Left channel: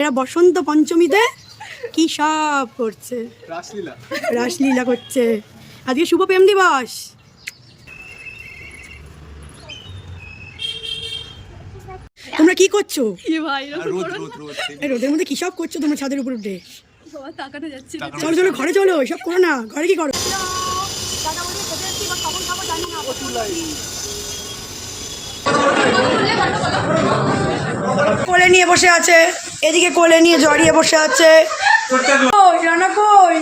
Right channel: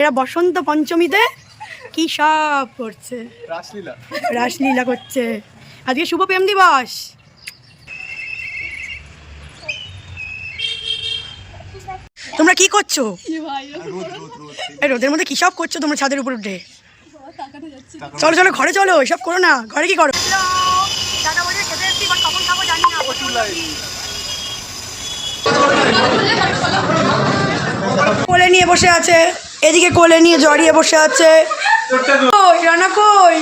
এরা বসন্ত পঞ্চমীতে কি সব করছে, রাসলীলা করছে। আজকে শুভ প্রেম দিবস। তোমরা কি করছো? রোদের মধ্যে কি সব করছো তোমরা ছাদের উপর উঠে? চলো চলো ঘরে চলো, এসব করো না। ঘরে কি করো? কোলে নিয়ে বসে আছে, এদিকে কোলে নিয়ে জড়িয়ে বসে আছে। রানা কই?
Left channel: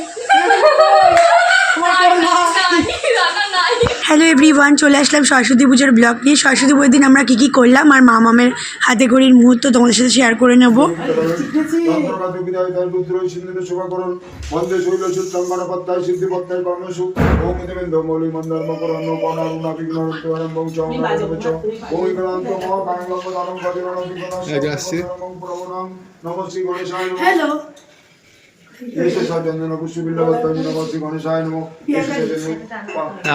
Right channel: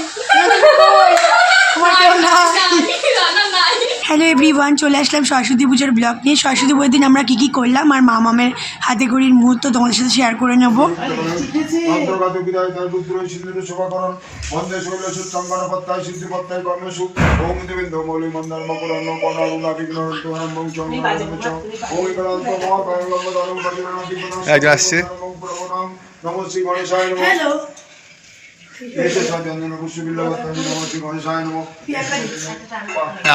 হ্যালো এভরিওয়ান, চলে আসলাম সরস্বতী পুজোর ব্লগ নিয়ে। সরস্বতী পুজোর দিন আমরা কী করলাম আর মামামের হাতে খড়ির মুহূর্ত তোমাদের সাথে শেয়ার করে নেবো। হ্যালো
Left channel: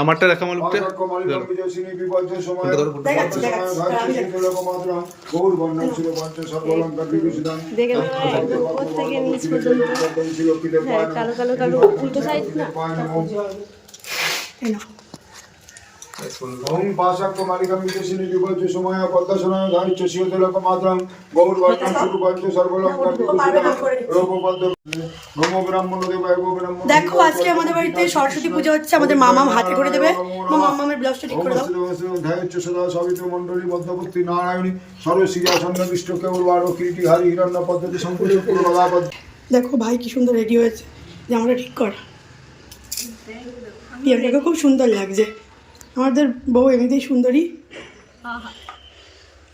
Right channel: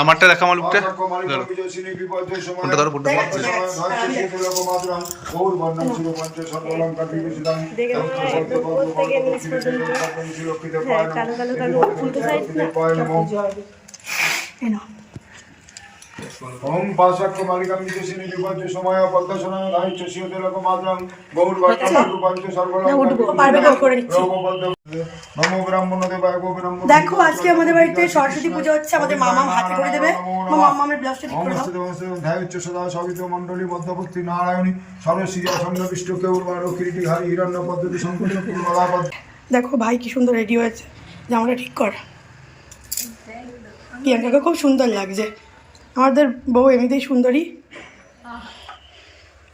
আমারটা দেখা মালুকটা উপর থেকে নিচ পর্যন্ত। হ্যাঁ, কালো কালো কালো উল্টো সাইড না। ওম পাশাক্ষ মালিকাম বিদেশিনী বিপর্যয় সময় পদ্মাসনা গায়িচ শিওতেলক মাত্রং গৌর বাক্য সুরূপাঞ্চ সর্বলঙ্ঘ। দেখো আজকে আমাদের বাড়িতে সরস্বতী পুজো হচ্ছে, আমাদের মামাম হাতে করে দেবে। মামামের ব্লাউজটা ঠিক করে দাও। ধ্যায়চ্চ সদা সবিত মণ্ডলী মধ্যপত্রী নারায়ণী সর্বশ্রীয়াসন্ন বিষ্ণু কেউর্বার কিরীটি হারি হিরণ্য পদ্ধতি সংকল্প পূর্বভাব। দেখো ভাই কি সুন্দর রেডি হয়েছে, জামাটা ঠিক কর। প্রিয়াঙ্কাকে খুব সুন্দর লাগছে। আমাদের বউ এমনিতেই সুন্দরী,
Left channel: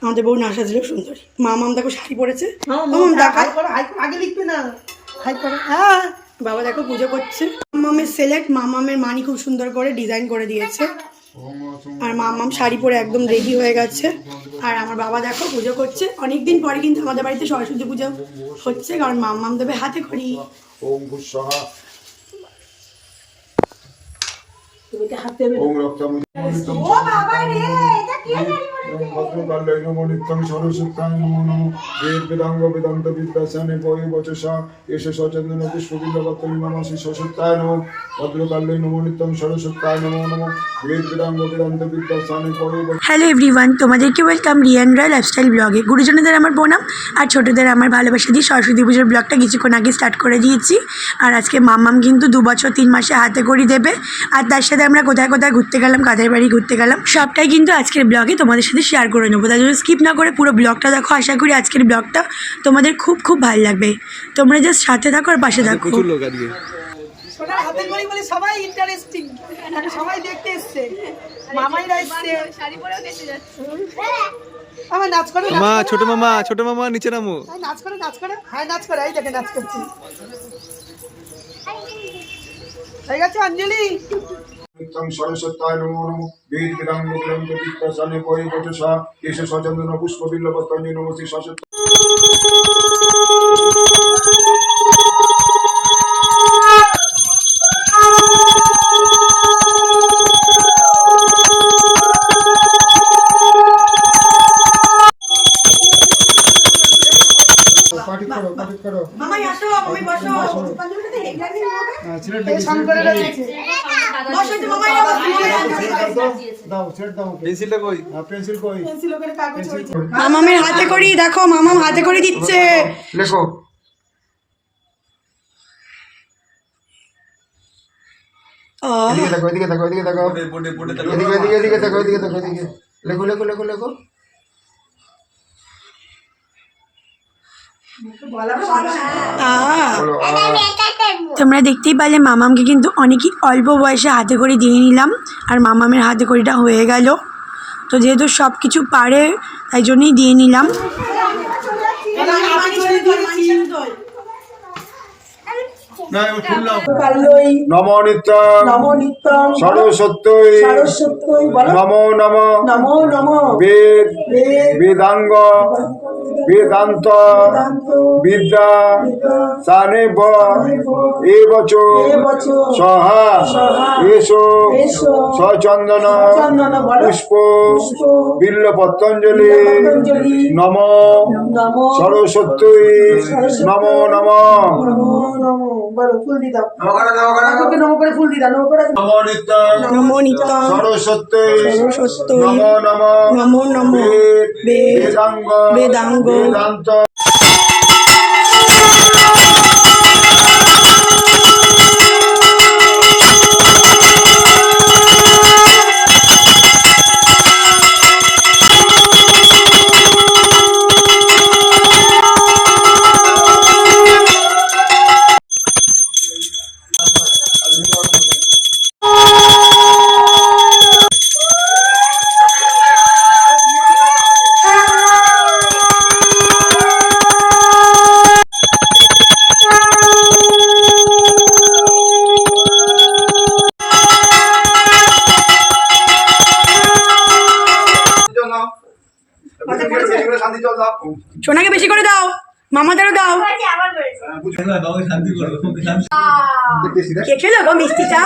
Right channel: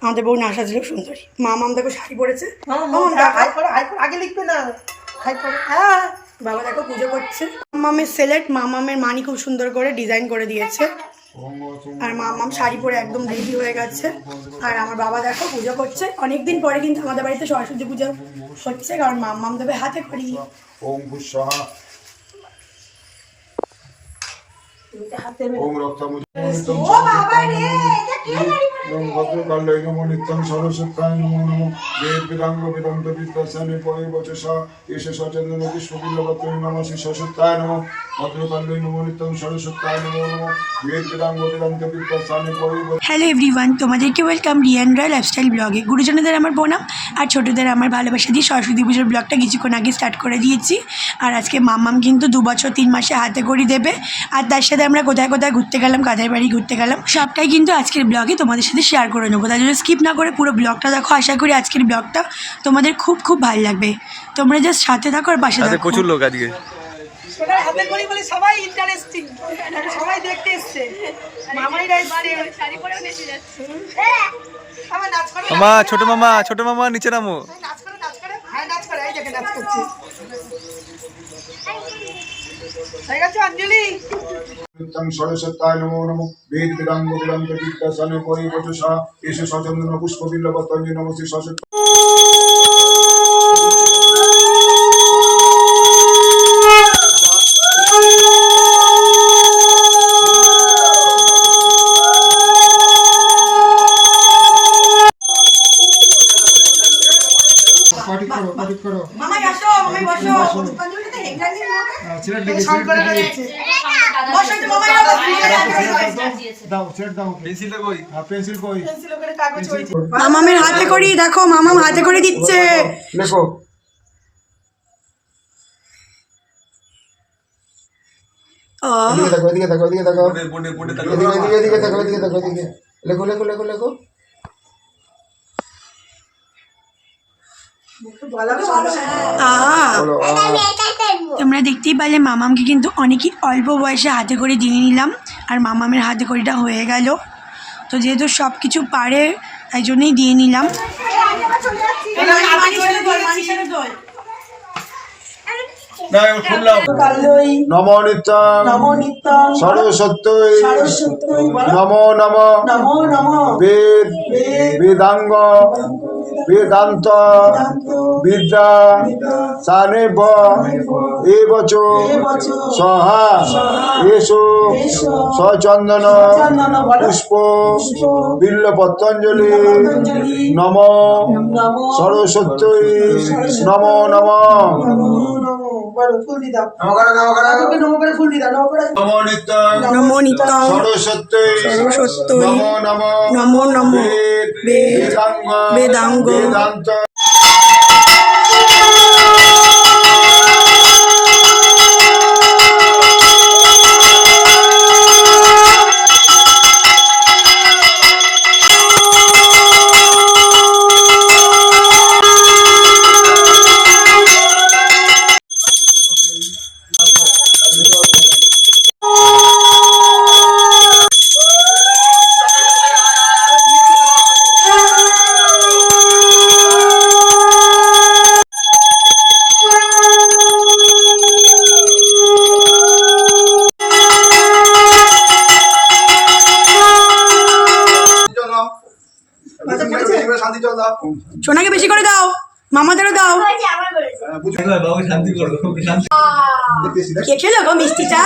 আমাদের বউ না সাজলেও সুন্দরী। মামাম দেখো শাড়ি পরেছে। আগে লিখবে না, হ্যাঁ বাবা দেখো পুজো করছে। মামামের সেলেক্ট, মামামের মানি খুব সুন্দর করে ডিজাইন করে দিয়েছে। আর মামাম শাড়ি পরে একদম রেডি হয়ে গেছে। আর আমার বাবা দেখো পুজো করছে। অনেকদিন পরে কিন্তু আমাদের বাড়িতে সরস্বতী পুজো হচ্ছে, কারণ মামাম দেবে হাতে খড়ি। ওম ভূস্বাহা ওম রক্তামুজ ভদ্রকাল্যৈ নমো নিত্যং সরস্বত্যায় নমো নমো। বেদ বেদাঙ্গ বেদান্ত বিদ্যাসানে পরি বচসা এষ সচন্দন পুষ্পবিল্লপত্রী নমঃ শ্রী সরস্বত্যায় নমো। ভদ্রকাল্যৈ নমো নিত্যং সরস্বত্যায় নমো নমো। বেদ বেদাঙ্গ বেদান্ত বিদ্যাসানে পরি। হ্যালো এভরিওয়ান, তোমাদেরকে ওয়েলকাম রিয়ান রয় লাইফস্টাইল ব্লগে। গুরুজনদের আমার প্রণাম আর ছোটোদের আমার ভালোবাসা দিয়ে সরস্বতী পুজোর ব্লগটা কিছুক্ষণ আগে স্টার্ট করে দিয়েছি। আর আজকে মাম্মাম কিন্তু 2 বছর 3 মাসে হাতে খড়ি দেবে। আর তার সাথে আমরা কোথায় কোথায় ঘুরতে গেলাম, কাদের বাড়ি ঘুরতে গেলাম, সবটাই কিন্তু আজকের ব্লগে তোমাদের সাথে শেয়ার করে নেবো। তাই জন্য স্কিপ না করে পুরো ব্লগটা দেখো। আশা করি আজকের ব্লগটা তোমাদের খুব খুব ভালো লাগবে। তোমরা জাস্ট সাথে থাকো আর পাশে থাকো। প্রচুর লোক আজকে হাতে খড়ি বলে সবাই ইন্টারেস্টিং, সবাই দেখতে এসছে। মামাইরা এসছে, শাড়ি পরেও নেচে যাচ্ছে। আমার নাচ করে মামা, ছোট মামা নিচে নামো। নাচ করে হ্যাঁ নাচ করে, এই দেখে নাচ করছে। হয়ে গেছে অঞ্জলি। নিত্যং সরস্বত্যায় নমো নমো। বেদ বেদাঙ্গ বেদান্ত বিদ্যাসানে পরি বচসা এষ সচন্দন পুষ্পবিল্লপত্রী নমঃ শ্রী সরস্বতী। মামাই আসো, মামাই বসো। অঞ্জলিটা তো হেগড়ানি হবে। এই সন করে দিয়েছে। বসো তো মামাই, দাও ছেড় দাও। পেন্সিলটা কই? পেন্সিল কই? পেন্সিল ওখানে কাগজ হয়েছে। মামামের হাতে করি দেখো, মামাম হাতে করে দিচ্ছে। লেখো। এদিকে দেখো, এদিকে দেখো, এদিকে দেখো। এদিকে দেখো, এদিকে দেখো, এদিকে। লেখো লেখো লেখো লেখো। তোমরা দেখতেই পারলে মামামকে কিন্তু অনেকই অল্প বয়সে হাতে করে দিয়ে নিলাম। আর মামামের হাতে করিটা হয়ে গেল। তো যেহেতু সব কিছু পারে তাই জন্যই দিয়ে নিলাম। নমো নিত্যং সরস্বত্যৈ নমো নমঃ বেদ বেদাঙ্গ বেদান্ত বিদ্যা সানেব এবচ সহা এসো সচন্দন পুষ্প বিল্ল পতঞ্জলি নম সরস্বতী নম নম নমো নিত্যং সরস্বতী সরস্বত্যৈ নম নম নমো নমো বেদাঙ্গ বেদাঙ্গ বেদান্ত সোনাকে বেশি করে দাও, মামাদেরও দাও। কে খেলো গো মিষ্টিটা?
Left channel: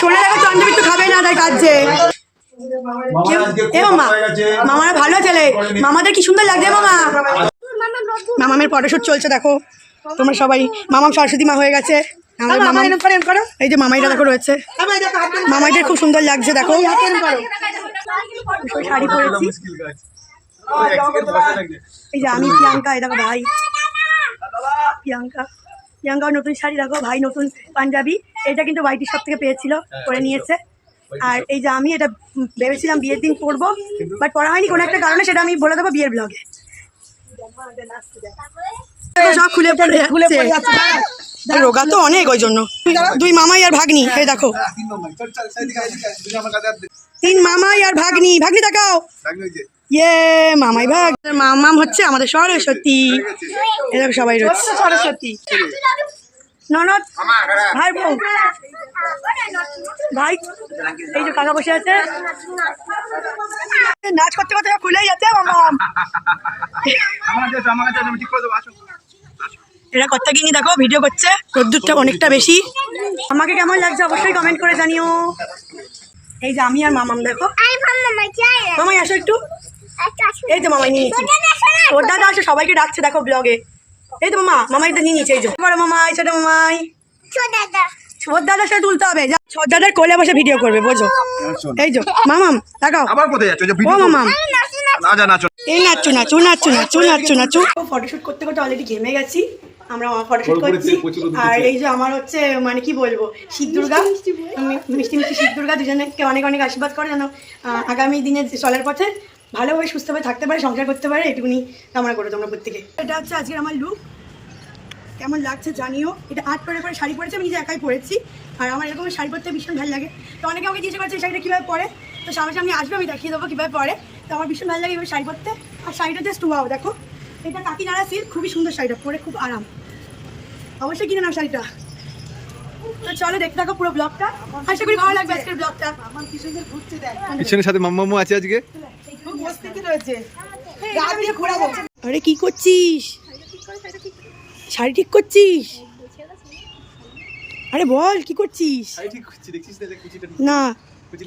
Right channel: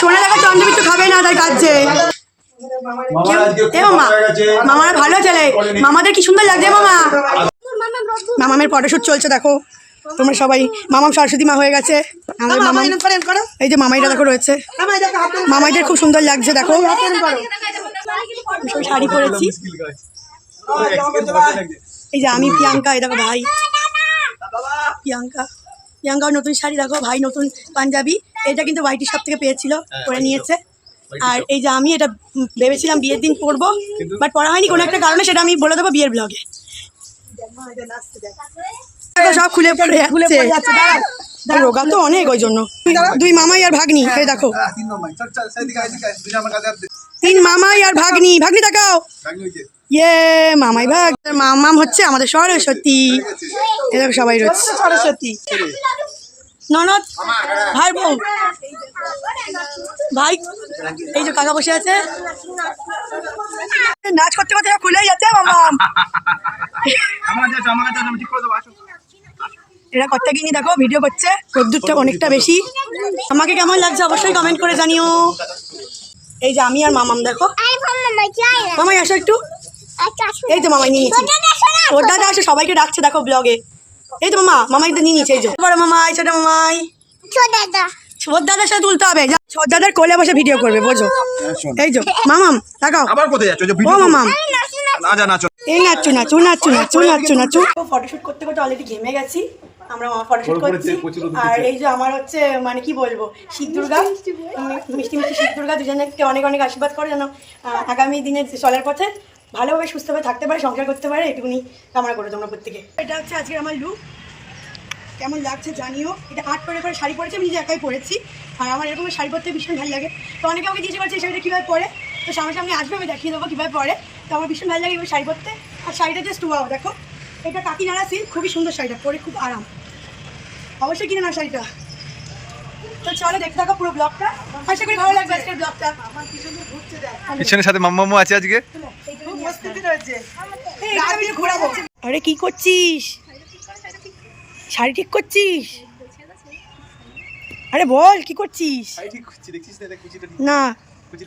সোনা দেখো চন্দ্রবিত্ত খাবে না, তাই কাঁদছে। এ মামা, মামারা ভালো ছেলে, মামাদের কি সুন্দর লাগছে। মামা, মামামের ফটোশুট চলছে দেখো তোমরা সবাই। মামাম সরস্বতী মা হয়ে গেছে আমাদের। মামা এই যে মামাইরা দেখো রয়েছে, মামাইদের খুব সুন্দর লাগছে দেখো। শাড়ি পরেছি, এই যে আমি প্রিয়াঙ্কা, এই দেখো ভাই প্রিয়াঙ্কার নতুন শাড়ি দেখো, ভাই নতুন পাঞ্জাবি। এটা কিন্তু ভাইটি সব থেকে পেয়েছিল, পরে নিয়েছে। আর এই যে আমি এটা ভেবেছিলাম বিয়ের দিন পরবো, বাট পরা হয়নি কোনো একটা কারণে, সেটা আমি বলে দেবো বিয়ের ব্লগে। সব খুলে পড়ে যাচ্ছে, রোগা তো অনেক, ওই জন্য। দুই মামাই আর ভাগ্নি, এই দেখো তিন মামাই আর ভাগ্নি। ভাগ্নি দেখাও, ইয়ে মামাই ভাগ। মামাম হচ্ছে আমাদের সরস্বতী, এরকম সবাই রয়েছে। সরস্বতী ননদ, ভাই বউ, ভাই এই যে কাকা বসে আছে, নাচ করতে করতে খুলেই যাচ্ছে মামাম। এরা কর্তা কিনি দেখো ভিডিও করছে, রোদ্দুরটা অনেকটা বেশি। আমাকে কেমন লাগছে অবশ্যই কমেন্ট করে জানিও। এই যে আমি আর মামাম দেখো। মামাই আসো একটু, এই তো মামাই নিয়ে নিয়েছি। ওর দাদা আসে, সবাইকে ডাকছে দেখো ব্লগে। এই তো মামা, মামাই তো নিয়ে নিয়েছে। এই যে বড় মামাই, ছোট মামাই, ওর দাদার সাথে তুলতে হবে। ওর দাদার কোলে বসে ভিডিও করবে, বোঝো। এই যে মামাম দেখাও, ও মামাম এই নাচু নাচু নাচু নাচু নাচু নাচু। ফটোশুট করতে করতে অলরেডি ঘেমে গেছি আমরা, ফটোশুট করছি। আর এই যে আমার হচ্ছে মানে কি বলবো, শিব দুর্গা, মিষ্টি মিষ্টি শিব দুর্গা দুজনকে অনেক অনেক আশীর্বাদ করে যেন আগামী দিনে চলার পথে ভালোভাবে সুস্থভাবে থাকতে পারে, সংসার করতে পারে, এটুকুনি কামনা করে তোমরা প্রত্যেকে। এটা হচ্ছে আজকে আমার লুক, কেমন লাগছে জানিও। এটা আর্ট করে পরে শাড়ি পরেছি, আমি নিজে একাই পরেছি। আর আমার এরকম শাড়ি পরতে ভীষণ ভালো লাগে। তো অনেকে আমাকে জিজ্ঞেস করছে এই শাড়িটা কীভাবে পরে, তো সামনে আসবে, আমি দেখিয়ে দেবো কীভাবে পরে। তো আমার ভীষণ ভালো লাগে এবার শাড়ি পরতে। আর শাড়িটা জাস্ট ওয়াও, দেখো এটা কাকিনাড়া সিল্ক, খুবই সুন্দর শাড়িটা, পরে খুব আরাম। অবশ্যই কিনে নাও শাড়িটা। তো চলো দেখতে থাকো পুরো ব্লগটা, আশা করি ভালো লাগবে আজকের ব্লগটা। পিছনের সাথে মাম্মামু আছে আজকে। আরে কি করছিস? শাড়ি ঠিক করছিস? আরে বল কি করছিস? না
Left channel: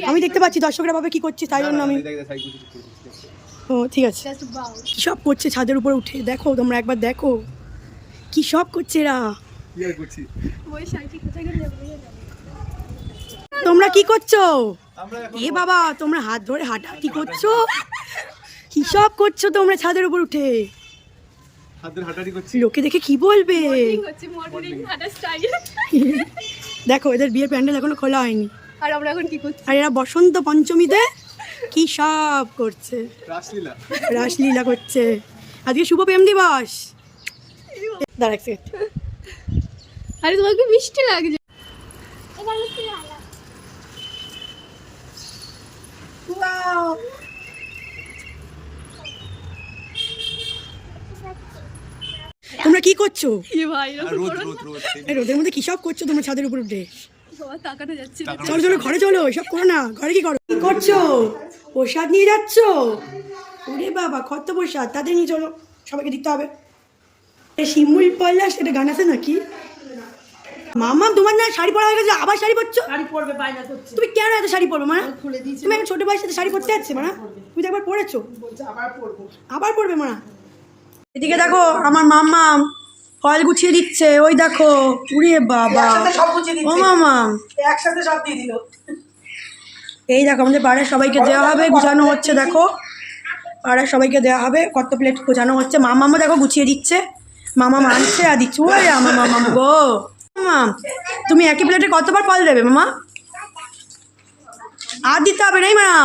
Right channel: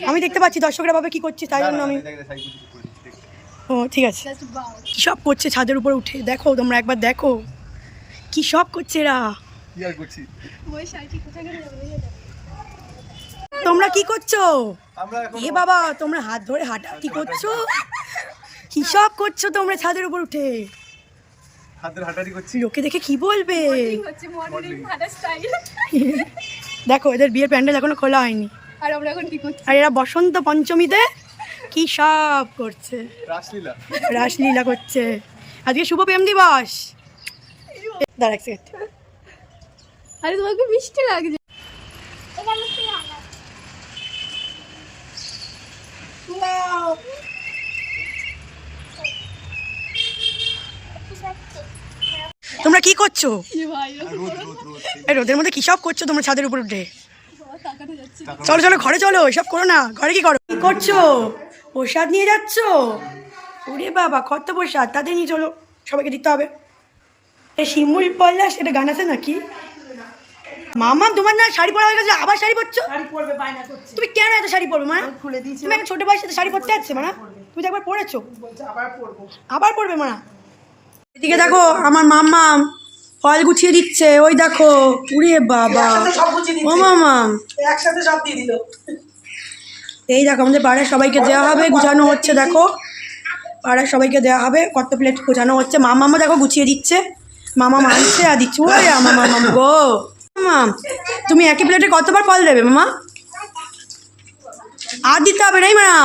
আমি দেখতে পাচ্ছি, দর্শকরা ভাবে কি করছিস, তাই জন্য আমি। ও ঠিক আছে। কি সব করছে ছাদের উপর উঠে, দেখো তোমরা একবার দেখো কি সব করছে এরা। তোমরা কি করছো? এ বাবা, তোমরা হাত ধরে হাঁটাহাঁটি করছো, কি সব করছো তোমরা ছাদের উপর উঠে? লোকে দেখে কি বলবে? দেখো এদের বিয়ের প্যান্ডেল এখনো খোলা হয়নি, আর আমরা এখন কি করছি? আর এরা বসন্ত পঞ্চমীতে কি সব করছে, রাসলীলা করছে। আজকে শুভ প্রেম দিবস। দাঁড়া এক সেকেন্ড। আরে তোমাকে মিষ্টি লাগছে। তোমরা কি করছো? ভাই এই রোদের মধ্যে কি সব করছো তোমরা ছাদের উপর উঠে? তাকাতে যাচ্ছে। চলো চলো ঘরে চলো, এসব করো না। ঘরে কি করো? কি করছো? প্রসাদ নিয়ে যাচ্ছো? ওরে বাবা কত প্রসাদ, তাদের নিয়ে চলো, সবাইকে দিতে হবে। এই শিমুল পল্লাস, এটা গান আছে নাকি? মামা তোমার না শাড়ি পরা হয়ে গেছে, আবার শাড়ি পরছো? শাড়ি পরবে বায়না করছে, তুমি কেন এত শাড়ি পরবে মানে? খুলে দিয়েছি, তুমি এখন ছোট বয়সে শাড়ি পরতে যাচ্ছে মানে? তুমি তো একবার পরেছো, বলছে আবার পরবো। আবার পরবে মানে? এদিকে দেখো আমার মাম্মা ফল গুছিয়ে দিচ্ছে, ওই দেখো। উরে বাবা, ও মামা একসাথে সব দিয়ে দিল। এই দেখো আমাদের পাড়ার সবাইকে দেওয়া হবে, গুছানো হচ্ছে দেখো, পাড়ার সবাইকে দেওয়া হবে, কত প্লেট গোছানো হচ্ছে। মামা দেখো গুছিয়ে দিচ্ছে, মামা আনছে আর দিচ্ছে। ওরে আমার মামা গো, মামা তুমি একই প্লেটে কতবার ফল দেবে মামা? আর দিতে হবে না মানা,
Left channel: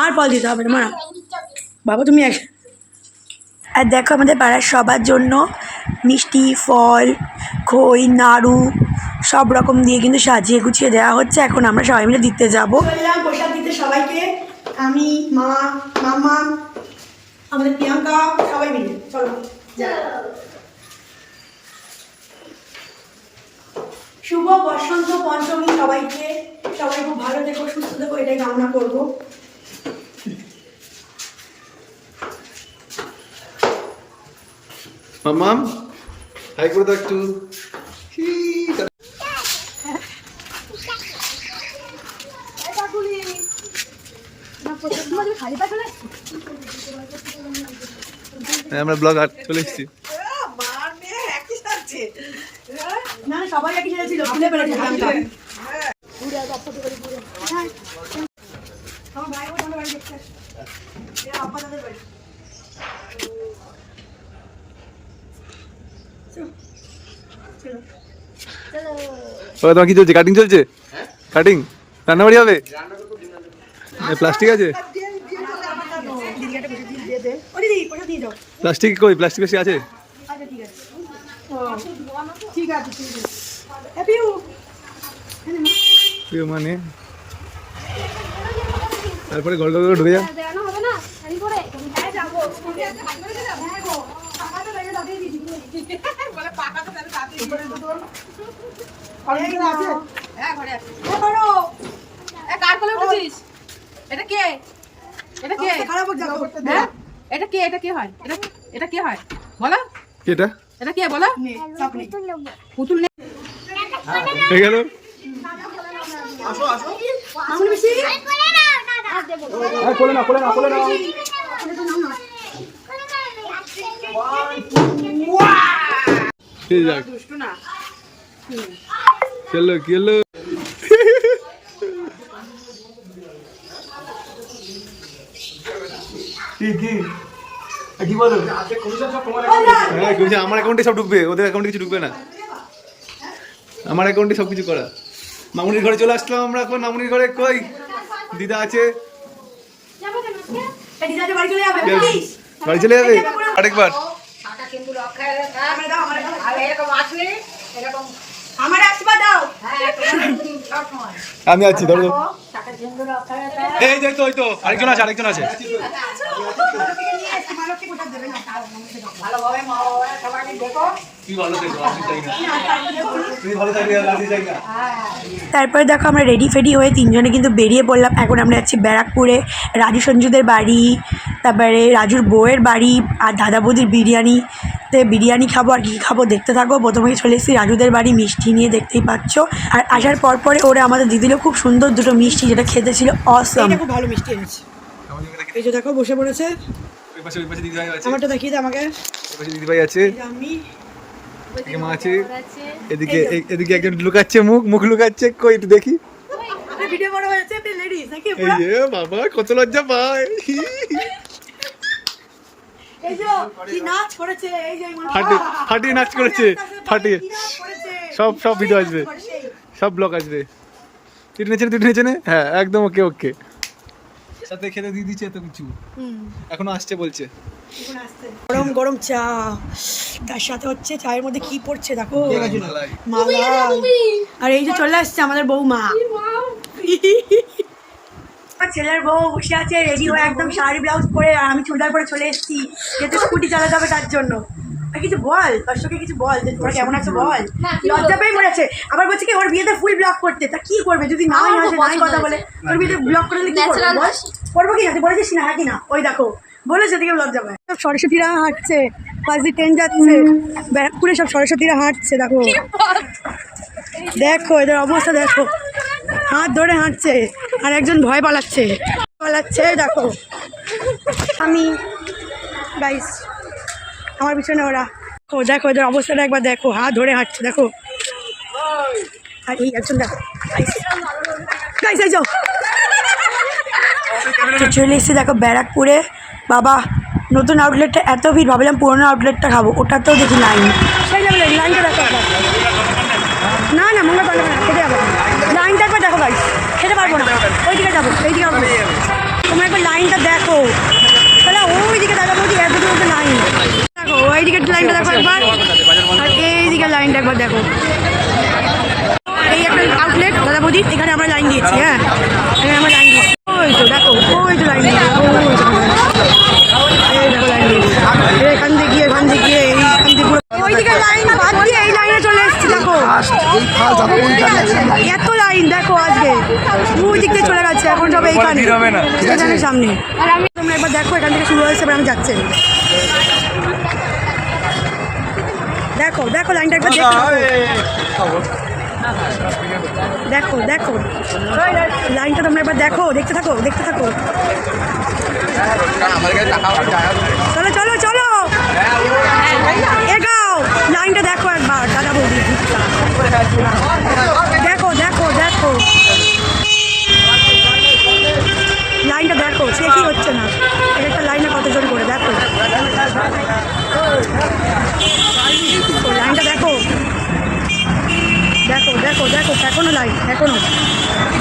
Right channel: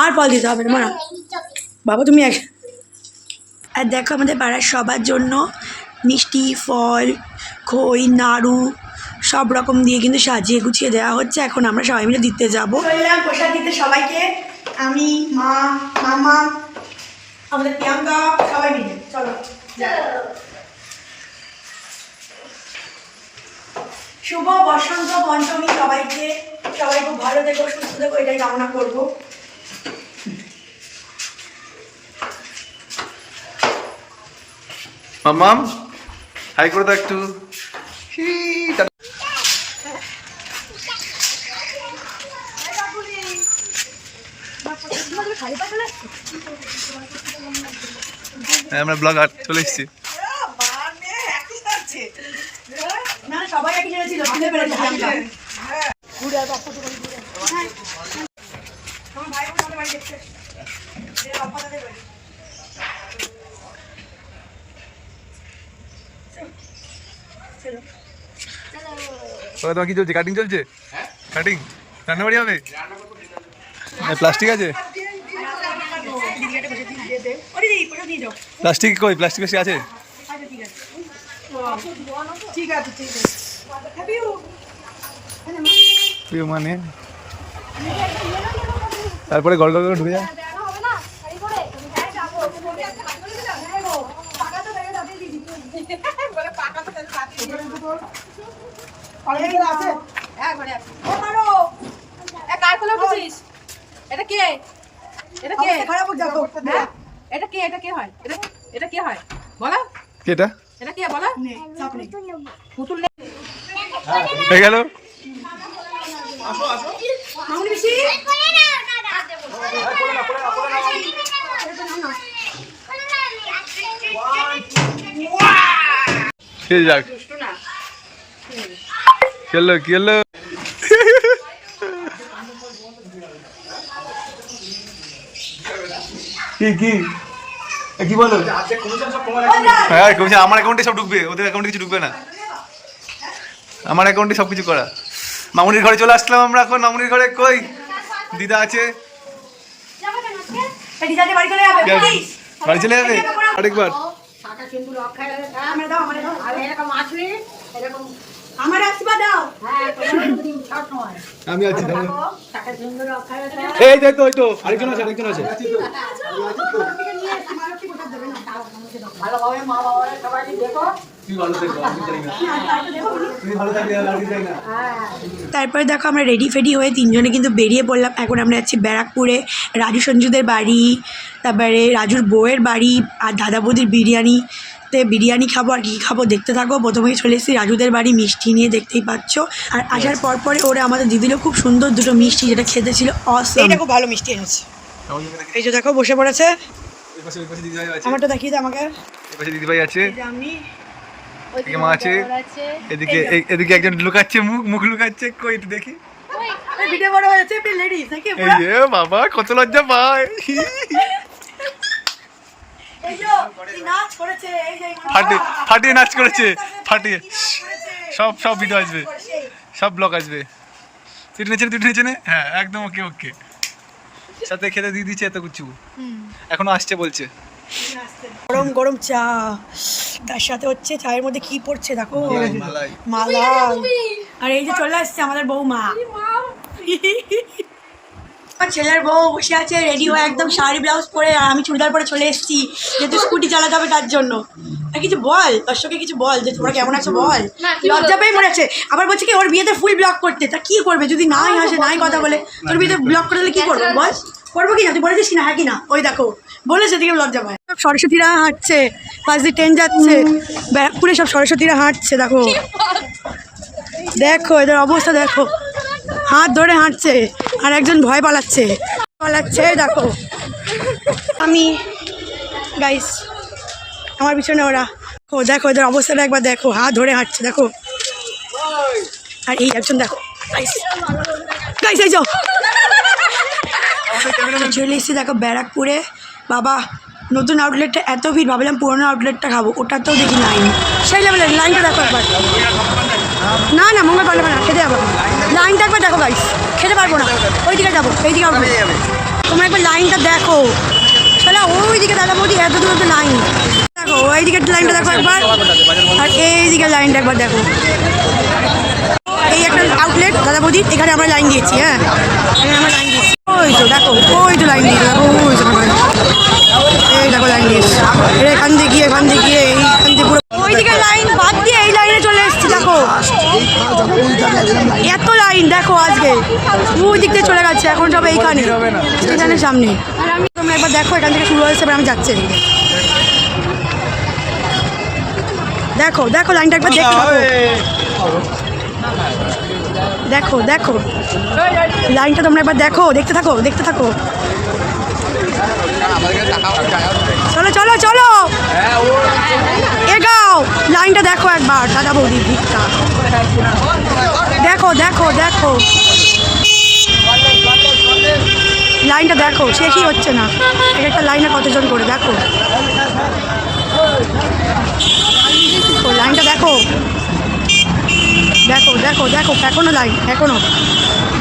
আর ফল দিতে হবে না মানা বাবা তুমি এক। আর দেখো আমাদের পাড়ার সবার জন্য মিষ্টি, ফল, খই, নাড়ু সব রকম দিয়ে কিন্তু সাজিয়ে গুছিয়ে দেওয়া হচ্ছে। এখন আমরা সবাই মিলে দিতে যাবো প্রসাদ দিতে সবাইকে, আমি, মা, মামা, আমাদের প্রিয়াঙ্কা, সবাই মিলে চলো। শুভ বসন্ত পঞ্চমী সবাইকে, সবাই খুব ভালো থেকো, সুস্থ থেকো, এটাই কামনা করবো। মাম্মাম হাই করে দাও একটু। হ্যাঁ, আমরা ব্লগ আর চলে এসেছি। না সবাই একই জায়গায় ছিল, খুলে ফেলেছে হাতটা। আমার ভাই বোন বাড়ি দেখছে, বাবা তাদের বাড়ি। তোমার কি চলছে? কাটিং চলছে? কাটিং রান্নাবাড়ি হবে? প্লাস্টিক আছে? প্লাস্টিক কই? প্লাস্টিক বেশি আছে? ঠিক আছে মানে তারপরে গড় গড় করে ঢুকে যা। এটা কে? এটা কে? খারাপ দেখো, এটা কে? এটা কে হয়? এটা কে হয় বলো? কেটা? এটা কে বলো? পুতুল নেই। হয়ে গেল। মামুনি বেশি যাক খেললো কি হলো? কি বলো? হ্যাঁ কমিশন আমার অ্যাকাউন্টে সব ঢুকবে, ওদের অ্যাকাউন্টে কিছু ঢুকবে না। আমার অ্যাকাউন্টে সব কিছু করা। মামুনির ঘরে চলে আসলাম আমরা এখন। মামুনির ঘরে কই দিদা আছে? বাড়ি চলে যাবে আরেকবার। আমি আছি, এই যে তো আরেকজন আছে, আরেকজন আছে। তারপরে দেখো আমরা রেডি ফেডি হয়ে তিনজনে কিন্তু বেরিয়ে পড়লাম। এখন আমরা যাচ্ছি ব্যারাকপুরে রাজু সঞ্জুদের বাড়ি, তারপরে রাজুর বউয়ের বাড়ি আর দাদা বৌদির বিরিয়ানিতে বিরিয়ানি খাবো। আর কী খাবো দেখতে থাকো। প্রথমেই চলে এসেছি রাজুদের বাড়ি, মিষ্টি নিয়ে, দেখতেই পাচ্ছ। আর আসার পরে ওরা আমাদের দিদিল খুব সুন্দর দুটো মিষ্টি, যেটা খেতে ছিল অসম। এটা খুব ভালো মিষ্টি এনেছে। এই যে দেখো বসে পড়েছে, আমারটা দেখিয়ে দাও আমাকে। দিদিভাই আছে, এদিকে মা আছে, এদিকে এদিকে একজন লুকাচ্ছে, মুখ লুকাচ্ছে। কই একটু দেখি। ভিডিও বড় হয়ে যাচ্ছে, আপনি লেডিস দেখি। এই যে বাবা কত লজ্জা পায়। এই যে কি নাচ করেছে, এই যে ফাটিয়ে নাচ করেছে, ফাটিয়ে। সব ভিডিও আসবে, সব ব্লগ আসবে। তুই টেনেছে না? হ্যাঁ একদম ওকে ওকে। সাথে খেতে দিয়ে দিচ্ছে এত কিছু, এখনো আসছে বলছে। গরম গরম চা, তার সাথে হচ্ছে চায়ের মধ্যে কি পড়ছে দেখো, মালাই। আর এই যে চলে আসছে আমাদের বৌমা, আমার ছেলের বউ বসে আছে রেডি হয়ে, একদম শাড়ি ব্লাউজ পরে। আর আমি চুড়িদার পরে চলে এসেছি, যেহেতু স্কুটি চালাতে হবে তার জন্য। আর কিছু বল দর্শককে, কিছু বল যে তোমরা কেমন আছো বল। লজ্জা পেয়ে মরেছে, আবার বলছে কি ওর বিয়েতে ফুল ব্লগ করতে। তা কি করবে যদি নাই আসে, নাই কথা বলে, তোর বিয়েতে ব্লগ করে দিলে কি করবে বল? করবো কি না, তুই বলেছিস না? হ্যাঁ কি না? ওই দেখো বলে সেদিকে ব্লগ যাবে। সব সরস্বতীরা হাঁটছে, পাশ দিয়ে ট্রেন যাচ্ছে, ব্যারাকপুরে সব সরস্বতীরা হাঁটছে। দেখো দেখো এদের অবস্থা দেখো, হাত ধরে হাঁটছে আর একজন ভয় পালাচ্ছে দেখো। আমি গাইস আমার পিছনে ওরা, দেখো এদের অবস্থাটা একবার দেখো, হাত ধরে হাঁটছে দেখো। আর এই একজন দেখো গাইস এই যাও চলে এসেছি দেখো ব্যারাকপুরে। বাবা নতুন আউটলেটটা এত ভিড়, ভাবলাম পুরোনো আউটলেটটা খাবো, ওটাতেও দেখি লাইন, সেই লেভেলের লাইনটা দেখো একবার। না না মঙ্গল পারবে না, খেতে যাবো, লাইনটা একবার দেখো গাইস, খেতে পারবো না, ওই দিকে যাবো, এই দিকে আউটলেট। তোমরা একবার লাইনটা দেখো, তাহলে ওই দিকে দাদা বৌদি এত দূর লাইন দেখো, ওই দিকের লাইনটা দেখো একবার, আর এই দিকের লাইনটা একবার দেখো। এই একটা আউটলেট দাদা বৌদি, এখানে আমরা লাইন দিয়েছি। হ্যাঁ এখানে আমরা লাইন দিয়েছি, ওই তো দেখো, ওই তো লাইন দিয়েছি দেখো, ওই তো এই দেখো লাইন দিয়েছি, এখান থেকে গিয়ে এইখান থেকে পুরো ওই দিকের লাইন বাদ দিয়ে এই লাইনে চলে এসেছি দেখো। এত লাইন দেখো আজকে, ওই দিক থেকে চলে গেছে, এখন সব এইখানে স্টেশনের সামনে। আর আমি তোমরা একবার দেখো, এখান থেকে শুরু হয়েছে, এবার আমি যাচ্ছি। দেখো দেখো লাইনটা একবার দেখো, দেখো লাইনটা তোমরা একবার দেখো, দেখতে থাকো চলো চলো চলো এগাও, লাইনটা দেখো একবার দাদা বৌদি, দেখো দেখো দেখো লাইনটা দেখো, শেষই হচ্ছে না, একটা লাইনে কতজন করে দেখো, লাইনটা দেখো দেখো দেখো দেখো এখনো লাইন, এখনো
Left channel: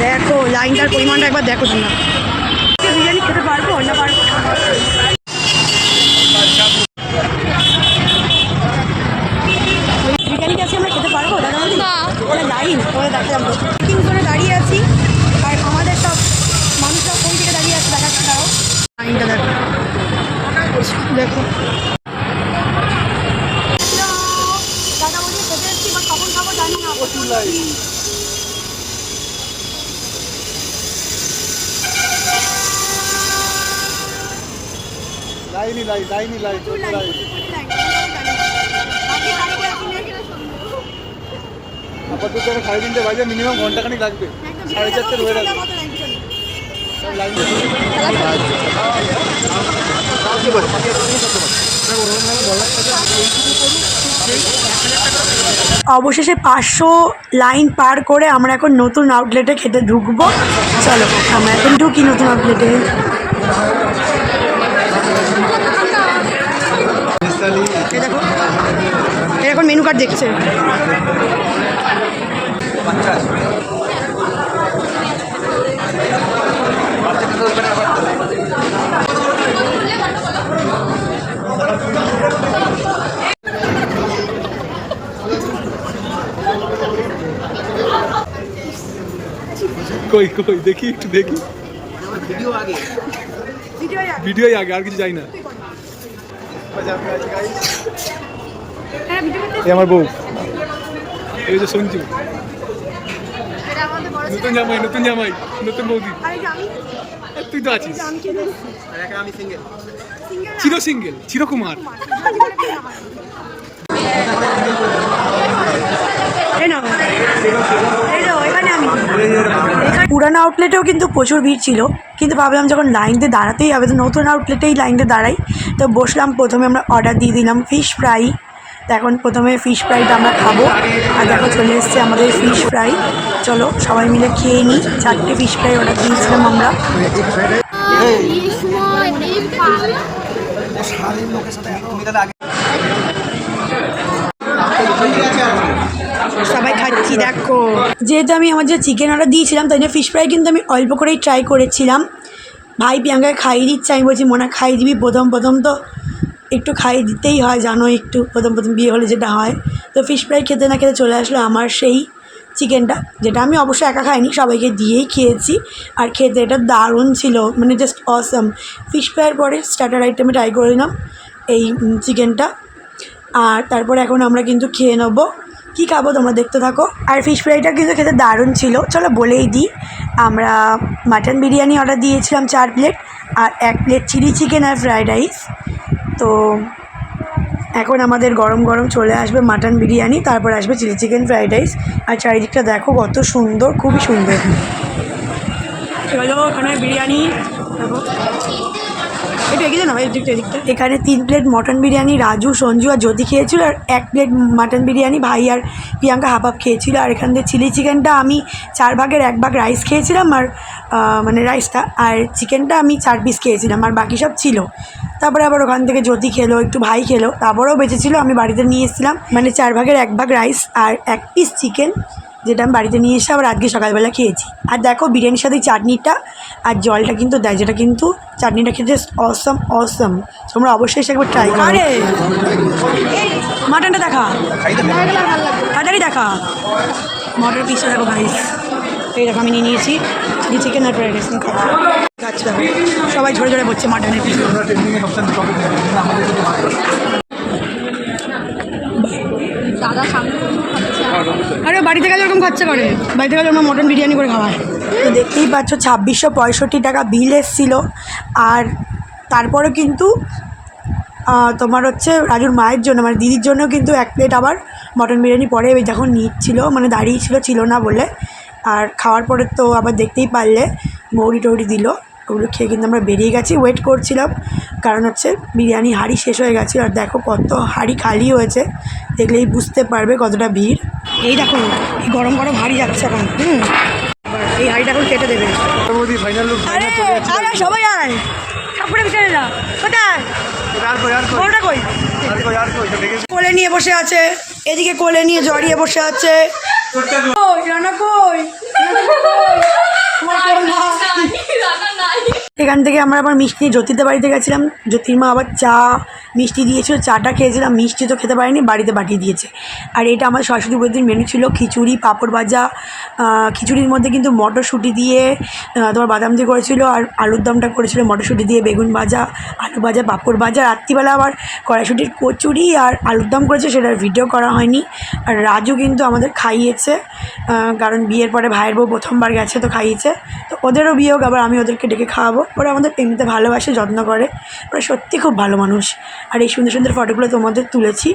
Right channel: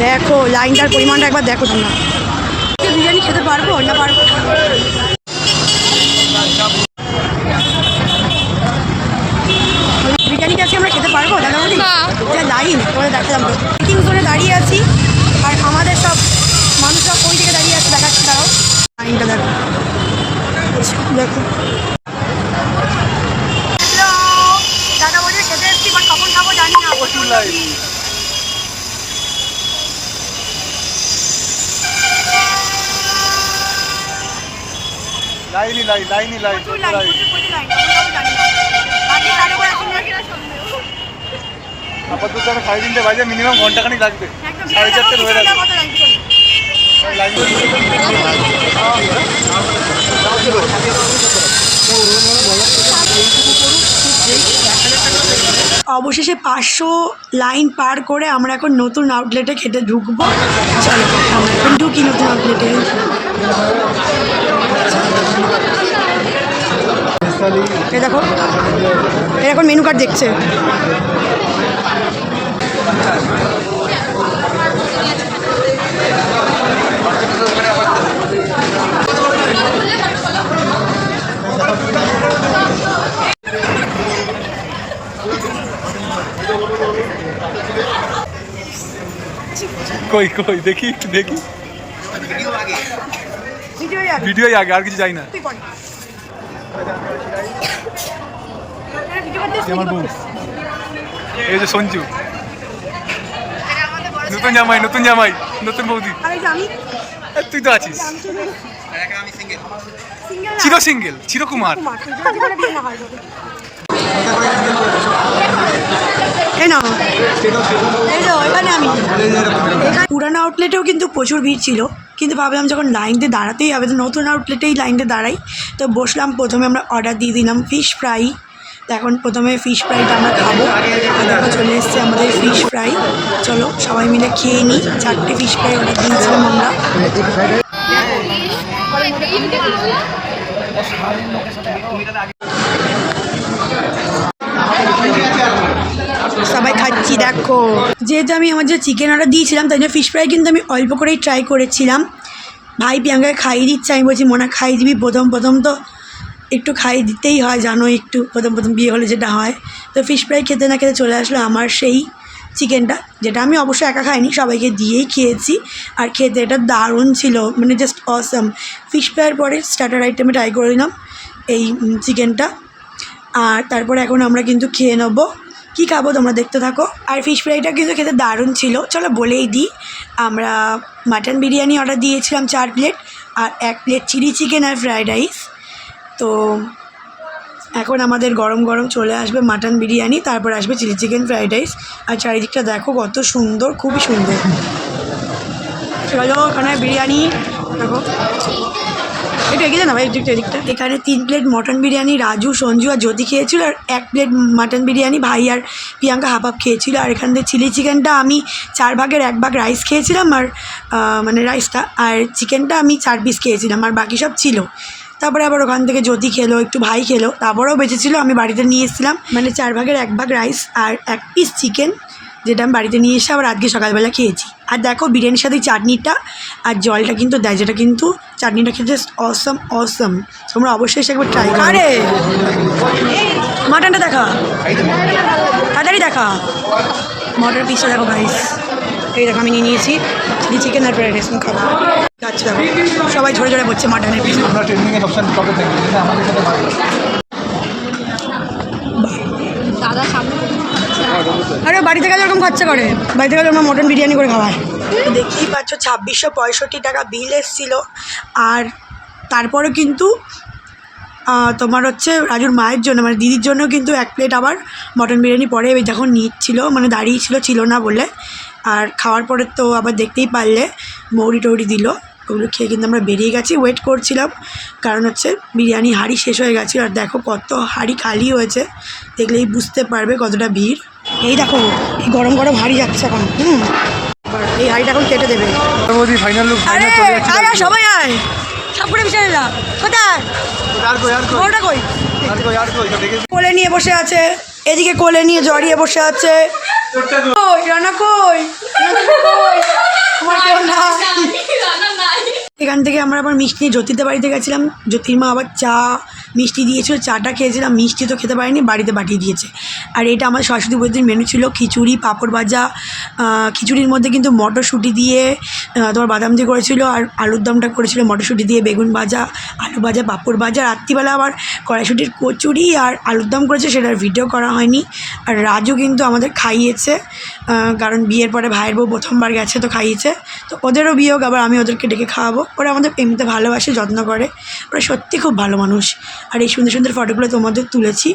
দেখো লাইনটার পরিমাণটা একবার দেখো তোমরা। বিরিয়ানি খেতে পারবো না পারবো না? বিরিয়ানিটা আজকে আমরা খেতে পারবো দাদা বলি? লাইন পরে দেখালাম, তিন জনে দাঁড়িয়ে আছি, আর আমাদের সব মানুষরা কোন দিকে দাঁড়িয়ে আছে দেখাচ্ছি, দাঁড়াও লাইনটা দেখো দেখো। দাদা বলি খেতে এসছি, বাট কখন খাবো জানি না, প্রচুর লাইন। আপাতত 3:30 বাজে, মিনিমাম ঘন্টাখানিক লাগবে, 4:30 হয়ে যাবে। অবশেষে 500 লাইন পার করে আমরা এখন নতুন আউটলেটে খেতে ঢুকবো। চলো আমরা এখন ঢুকি নতুন আউটলেটে। দেখো এখন মেনু কার্ড দেখছে। কই কই দেখি একটু দেখি, ভিডিও আগে, আর কিছু যাই না। আমার বউ, এই হচ্ছে সঞ্জু, নতুন জামাই নতুন বৌদি। তুই তো আছিস, সিঙ্গেল চিরকুমার। পুরানো আউটলেটেও কিন্তু প্রচুর ভিড় ছিল, কিন্তু ভাবলাম যখন লাইন দিয়ে দাঁড়াতেই হবে তো নতুন আউটলেটেই লাইন দিয়ে দাঁড়াই। তো বসলাম, প্রথমে আমরা অর্ডার দিয়ে দিলাম ফিশ ফ্রাই। তো এখন প্রথমে ফিশ ফ্রাইটা আমরা খাবো, আর দেখো চলে এসছে আমাদের ফিশ ফ্রাই। চলো সবাই মিলে খেয়ে নিই। 4টে ফিশ ফ্রাই অর্ডার দিয়েছিলাম আমরা। সবাই খাচ্ছি দেখো। যেহেতু আমি আমার যে চিকেন অর্ডার দিয়েছিলাম তাই জন্য ফিশ ফ্রাই কিন্তু আমি অল্প করেই ট্রাই করেছিলাম। ভাই প্রিয়াঙ্কাকে খাইয়ে দিচ্ছে, আমি বলছি মোনা খাইয়ে দিবি, প্রথম তো একটু খাইয়ে দিতেই হয়, জানো একটু প্রথম বিয়ে হলে যেটা হয়। তো ফিশ ফ্রাই খেতে না খেতে চলে আসলো আমার সেই চিকেনটা, যেটা আমি অবশ্যই একা খাইনি, সবাইকে দিয়েই খেয়েছি। আর খেতে এটা দারুণ ছিল, মানে জাস্ট অসাম। ফিশ ফ্রাইয়ের পরে স্টার্টার আইটেমে ট্রাই করে নিলাম এই চিকেনটা। আর তারপরে এখন আমরা কিন্তু খেয়ে নেবো কী খাবো তোমরা দেখতে থাকো। আর ফিশ ফ্রাইটা কিন্তু খেতে দারুণ ছিল। চলো বলেই দিই, আমরা মাটন বিরিয়ানি অর্ডার দিয়েছিলাম 4 প্লেট, আর 1 প্লেট চিলি চিকেন আর ফ্রায়েড রাইস। তো এখন আমাদের গরম গরম চলে আসবে মাটন বিরিয়ানি, তারপর আসবে চিলি চিকেন ফ্রায়েড রাইস। আর চারিদিকটা দেখো কত সুন্দর, খুবই সুন্দর। চলো ওখানে বিরিয়ানি দেখো, এটা এগিয়ে না ভাই, এদিকটা। এখানে 3 প্লেট মটন বিরিয়ানি রাজু, সঞ্জু আর জ্যোতি খেয়েছিল, আর 1 প্লেট মাটন বিরিয়ানি ভাই আর প্রিয়াঙ্কা হাফ হাফ খেয়েছিল। আর এখান থেকে চিলি চিকেনটা আমি 4 ভাগের 1 ভাগ রাইস খেয়েছিলাম, আর মানে রাইসটা, আর চিকেনটা আমি 4 পিস খেয়েছিলাম, আর বাকি সব ছিল। তারপরে আবার ওখান থেকে জ্যোতি খেলো, একটু ভাই খেলো, তারপরেও বেঁচেছিল, আমি বাড়িতে নিয়ে এসেছিলাম। মানে 4 ভাগের 1 ভাগ রাইস আর 1 পিস চিকেন, যেটা আমি বাড়িতে নিয়ে এসে আবার আজকে সকালবেলা খেয়েছি। আর দেখো বিরিয়ানির সাথে চাটনিটা আর জলটা কিন্তু দেয়, যেটা কিন্তু চাটনিটা খেতে জাস্ট অসম অসম। তোমরা অবশ্যই এসে একবার ট্রাই করো। আরে মাটনটা দেখা, তাড়াতাড়ি দেখা, মটনের পিসটা দেখো গাইস। এই দেখো আমি নিয়ে নিয়েছি চিলি চিকেন আর ফ্রাইড রাইস খাবো। আচ্ছা দেখো সবাই ঝরে ঝরে পড়ছে মাটনের পিস। আরে বাড়িতে গেলে এরকম খরচা করে, বাড়িতে গেলে আমার মটন বিরিয়ানি করে খাওয়ায়। দেখতেই পাচ্ছ 2665 টাকা বিল এসেছিল। আর তারপরে কিন্তু তোমার হচ্ছে রাজুর মায়ের জন্য, মানে দিদির জন্য কিন্তু 1 প্লেট আবার মটন বিরিয়ানি পরে যখন নিচ্ছিল, মানে দাঁড়িয়ে ছিল না বলে। আর খাওয়ার পরে তো আবার দেখতেই পারলে মৌরি টৌরি দিল, ওগুলো খেয়ে কিন্তু আমরা বেরিয়ে গেছি। ওয়েট করছিলাম, কারণ হচ্ছে বিরিয়ানি হাঁড়ি শেষ হয়ে গেছে। আর দেখো কত হাঁড়ি খালি হয়েছে, দেখলেই বুঝতে পারবে কতটা ভিড়। এই দেখো এই গরম গরম হাঁড়ি যাচ্ছে এখন। এই হাঁড়িটা এখন কেটে দেবে। আরে আরে সবাই আয়, সব করে বিছানে যা। কোথায় বড়টা কই? কোলে নিয়ে বসে আছে, এদিকে কোলে নিয়ে জড়িয়ে বসে আছে। কই রান্না কই? আমার কেউ না। এখান থেকে আমরা আবার মিষ্টি নিয়ে জ্যোতিদের বাড়িতে গেছিলাম। জ্যোতির মা আবার চা মিষ্টি দিয়েছিল, চাটা খেয়েছিলাম, মিষ্টি তো খেতে পারিনি, বাড়িতে পাঠিয়ে দিয়েছে। আর এটা আমার সরস্বতী পুজোর মেনু ছিল, খিচুড়ি, পাঁপড় ভাজা। খিচুড়ির মধ্যে কিন্তু মটরশুঁটি দিয়ে তোমার বাদাম দিয়ে করেছিল, আর আলুর দমটা করেছিল মটরশুঁটি দিয়ে, বেগুন ভাজা, আলু ভাজা, পাঁপড় ভাজা। রাত্রিবেলা আবার কড়াইশুঁটির কচুরি আর আলুর দম করেছে, সেটার ভিডিও করা হয়নি। আর রাজু কিন্তু আমাদের খাইয়েছে, কারণ বিয়ের পরে ভাইয়ের বউ প্রথমবার গেছে তো খাইয়েছে। তো ওদেরও বিয়ে হোক, আবার আমি ওদেরকে ডেকে খাওয়াবো। ওরা আমাদের এমনিতে ভালোবাসে, যত্ন করে, ওরা সত্যি খুব ভালো মানুষ। আর এই সুন্দর সুন্দর ফটোগুলো তোমাদের তুলেছি,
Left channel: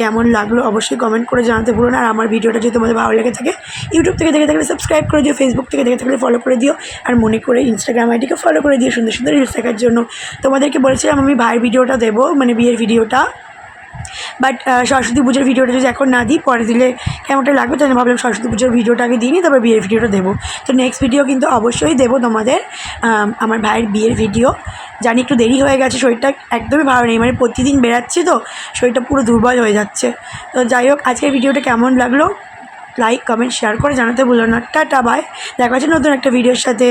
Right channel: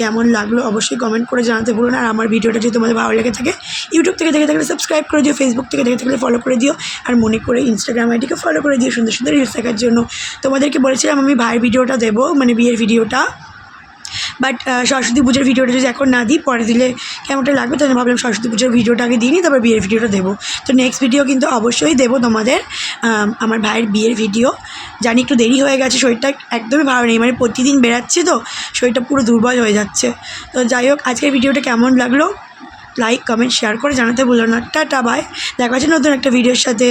কেমন লাগলো অবশ্যই কমেন্ট করে জানাতে ভুলো না। আর আমার ভিডিওটা যদি তোমাদের ভালো লেগে থাকে, ইউটিউব থেকে দেখে থাকলে সাবস্ক্রাইব করে দিও, ফেসবুক থেকে দেখে থাকলে ফলো করে দিও, আর মনে করে ইনস্টাগ্রাম আইডিকে ফলো করে দিও সুন্দর সুন্দর রিলস দেখার জন্য। তোমাদেরকে বলেছিলাম আমি ভাইয়ের ভিডিওটা দেবো, মানে বিয়ের ভিডিওটা, বাট সরস্বতী পুজোর ভিডিওটা যদি এখন না দিই, পরে দিলে কেমনটা লাগবে, তাই ভাবলাম সরস্বতী পুজোর ভিডিওটা আগে দিই নি, তারপর বিয়ের ভিডিওটা দেবো। তো নেক্সট ভিডিও কিন্তু অবশ্যই দেবো তোমাদের, আমার ভাইয়ের বিয়ের ভিডিও। জানি একটু দেরি হয়ে গেছে, শরীরটা একদমই ভালো নেই, মানে প্রতিদিন বেরাচ্ছি তো শরীরটা পুরো দুর্বল হয়ে যাচ্ছে। তো যাই হোক, আজকের ভিডিওটা কেমন লাগলো লাইক কমেন্ট শেয়ার করে জানাতে ভুলো না। টাটা বাই, দেখা হচ্ছে নতুন একটা ভিডিওর সাথে।